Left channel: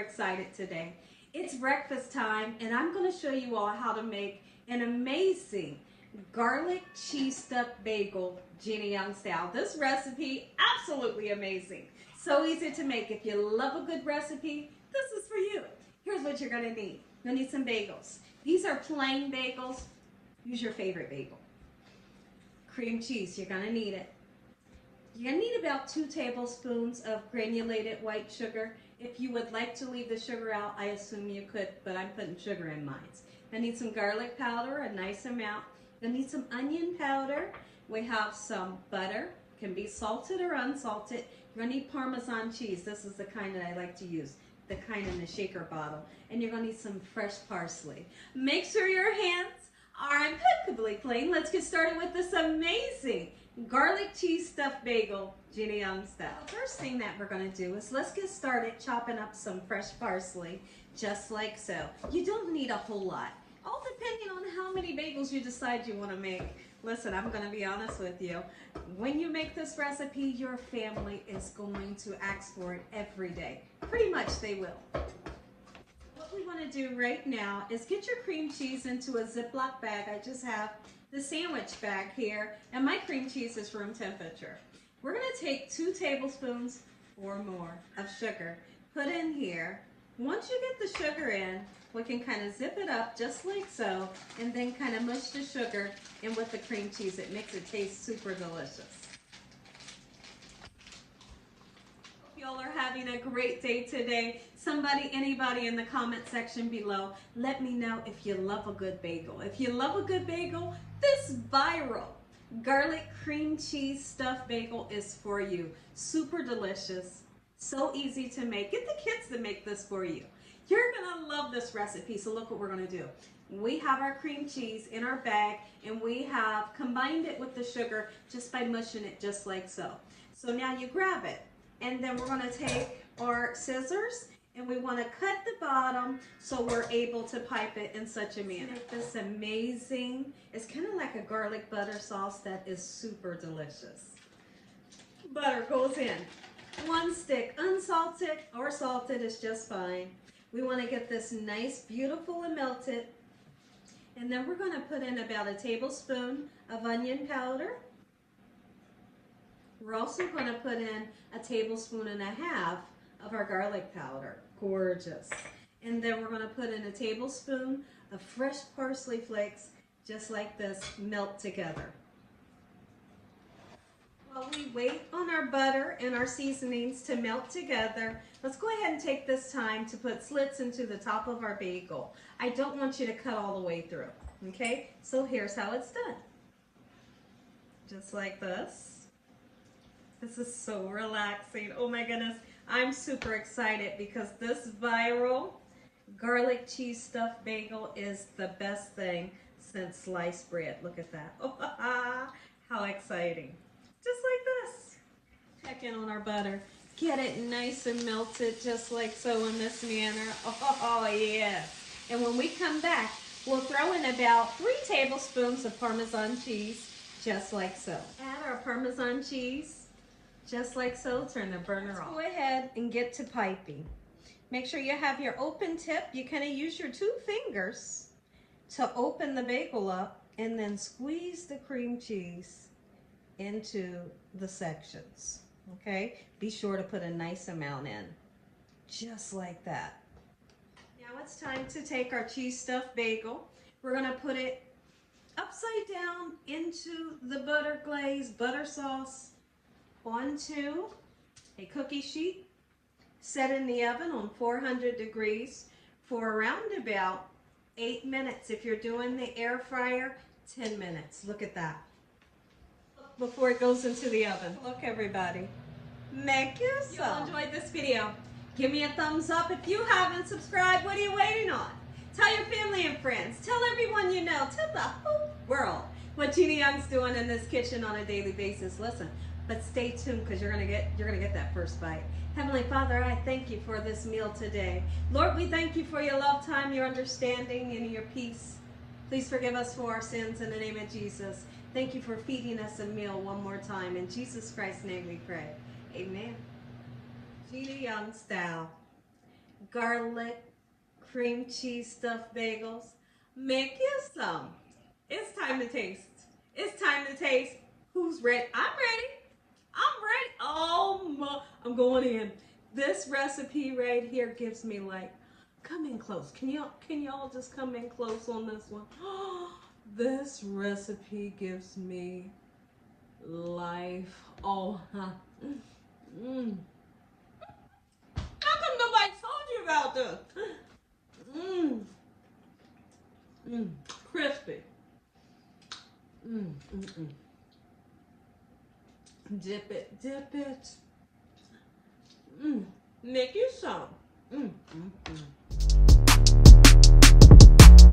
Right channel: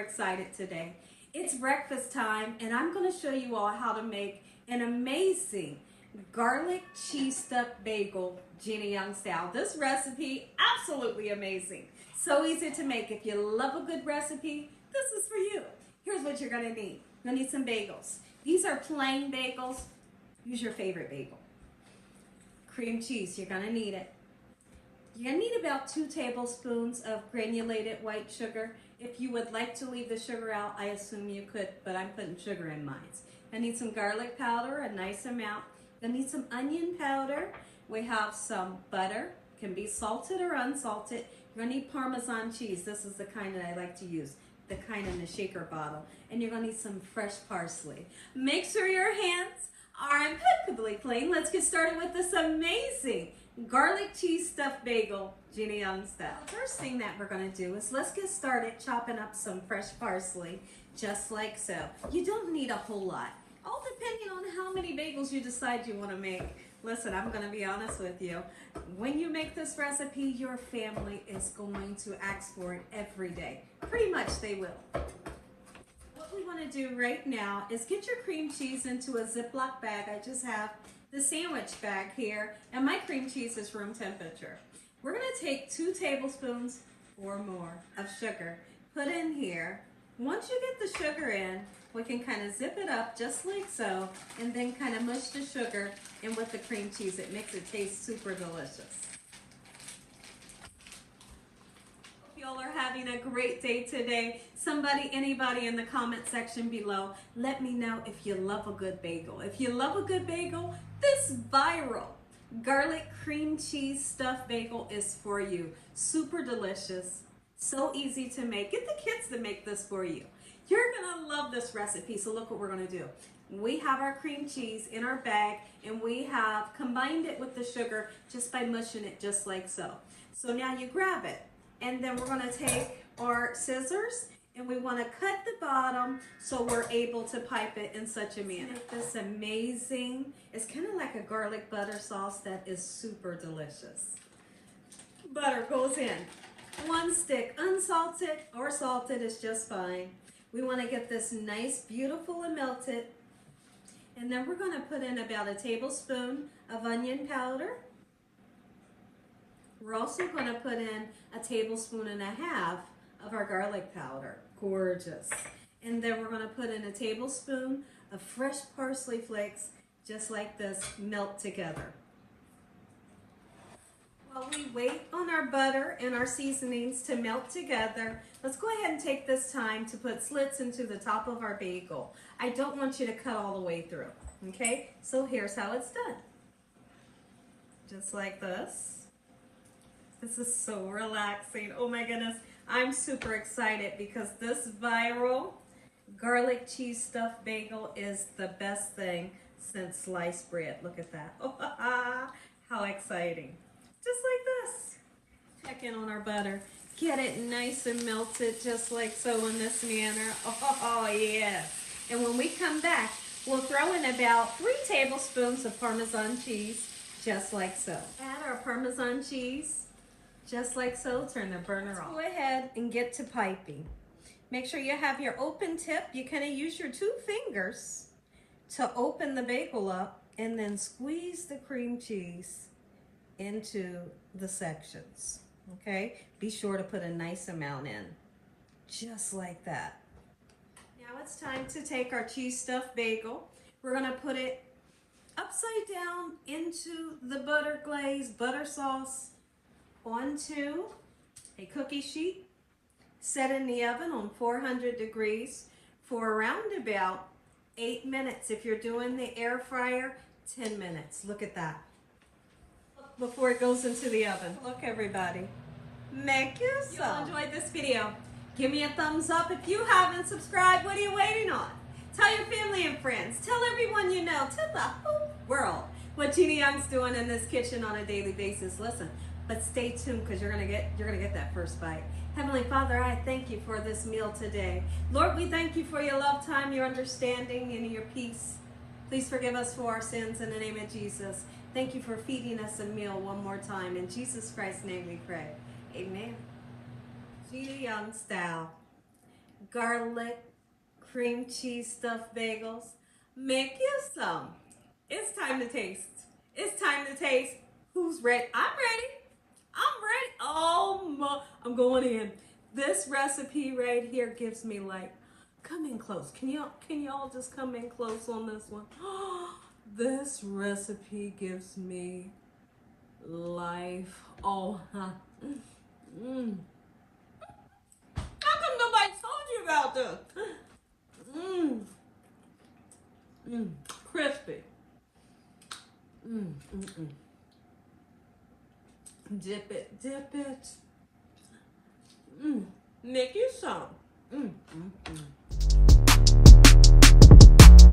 excited today. It's breakfast time and I'm going to show you all how to make an amazing garlic cheese stuffed bagel, Gina Young style. This recipe, absolutely amazing. So easy to make. If you love a good recipe, this is for you. Here's what you're going to need. You're going to need some bagels. These are plain bagels. Use your favorite bagel. Cream cheese, you're going to need it. You're going to need about 2 tablespoons of granulated white sugar. If you would like to leave the sugar out, I assume you could, but I'm putting sugar in mine. I need some garlic powder, a nice amount. I need some onion powder. We have some butter, can be salted or unsalted. You're going to need Parmesan cheese. This is the kind that I like to use, the kind in the shaker bottle. And you're going to need some fresh parsley. Make sure your hands are impeccably clean. Let's get started with this amazing garlic cheese stuffed bagel, Gina Young style. The first thing that we're going to do is let's get started chopping up some fresh parsley, just like so. You don't need a whole lot, all depending on how many bagels you decide you want to make. Listen, I'm going to be honest with you. When you make this recipe, your family is going to ask for it every day. Pretty much they will. What we want to do right now is get your cream cheese into a Ziploc bag. I just have the sandwich bag here, and my cream cheese is room temperature. We're going to take 2 tablespoons or more of sugar, put in here. Once you get the sugar in, we can kind of zip it up just like so, and then kind of mush the sugar in with the cream cheese. It makes it taste super delicious. Hope y'all are having a great day today. Anybody in the comment section below, let me know if you love a good bagel. If you love a good bagel, this viral garlic cream cheese stuffed bagel is for you. Super delicious, so easy to make. Get the kids to make this for you. You're gonna love this recipe. So look what we're gonna do. We have our cream cheese in our bag and we have combined it with the sugar just by mushing it just like so. So now you grab it and then we're gonna take our scissors and we want to cut the bottom so we're able to pipe it in such a manner. This amazing, it's kind of like a garlic butter sauce that is super delicious. Butter goes in. 1 stick, unsalted or salted is just fine. We want to get this nice, beautiful and melted. And then we're going to put in about 1 tablespoon of onion powder. We're also going to put in 1.5 tablespoons of our garlic powder. Gorgeous. And then we're going to put in 1 tablespoon of fresh parsley flakes, just like this, melt together. While we wait on our butter and our seasonings to melt together, let's go ahead and take this time to put slits into the top of our bagel. I don't want you to cut all the way through, okay? So here's how it's done. Just like this. This is so relaxing. Oh my goodness. I'm super excited because this viral garlic cheese stuffed bagel is the best thing since sliced bread. Look at that. Oh, how exciting. Just like this. Check in on our butter. Get it nice and melted just like so in this manner. Oh, yes. And when we come back, we'll throw in about 3 tablespoons of Parmesan cheese, just like so. Add our Parmesan cheese. Just like so, turn the burner off. Go ahead and get to piping. Make sure you have your open tip. You kind of use your 2 fingers to open the bagel up and then squeeze the cream cheese into the sections, okay? Be sure to put a nice amount in, just like that. Now it's time to take our cheese stuffed bagel. We're gonna put it upside down into the butter glaze, butter sauce, onto a cookie sheet, set in the oven on 400 degrees for around about 8 minutes. If you're doing the air fryer, 10 minutes. Look at that. Before it goes into the oven. Look, everybody. Make you some. If you enjoyed this video, give me a thumbs up. If you haven't subscribed, what are you waiting on? Tell your family and friends. Tell everyone you know. Tell the whole world what Gina Young's doing in this kitchen on a daily basis. Listen. But stay tuned because you're gonna get that first bite. Heavenly Father, I thank you for this meal today. Lord, we thank you for your love time, your understanding, and your peace. Please forgive us for our sins in the name of Jesus. Thank you for feeding us a meal one more time. In Jesus Christ's name we pray. Amen. Gina Young style. garlic cream cheese stuffed bagels. Make you some. It's time to taste. It's time to taste. Who's ready? I'm ready. I'm ready. Oh my, I'm going in. This recipe right here gives me like, come in close. Can y'all just come in close on this one? This recipe gives me life. Oh, mm. How come nobody told you about this? Mmm. Mmm. Crispy. Mmm. Mmm. Mmm. Dip it. Dip it. Mmm. Make you some. Mmm. Mmm. Mmm.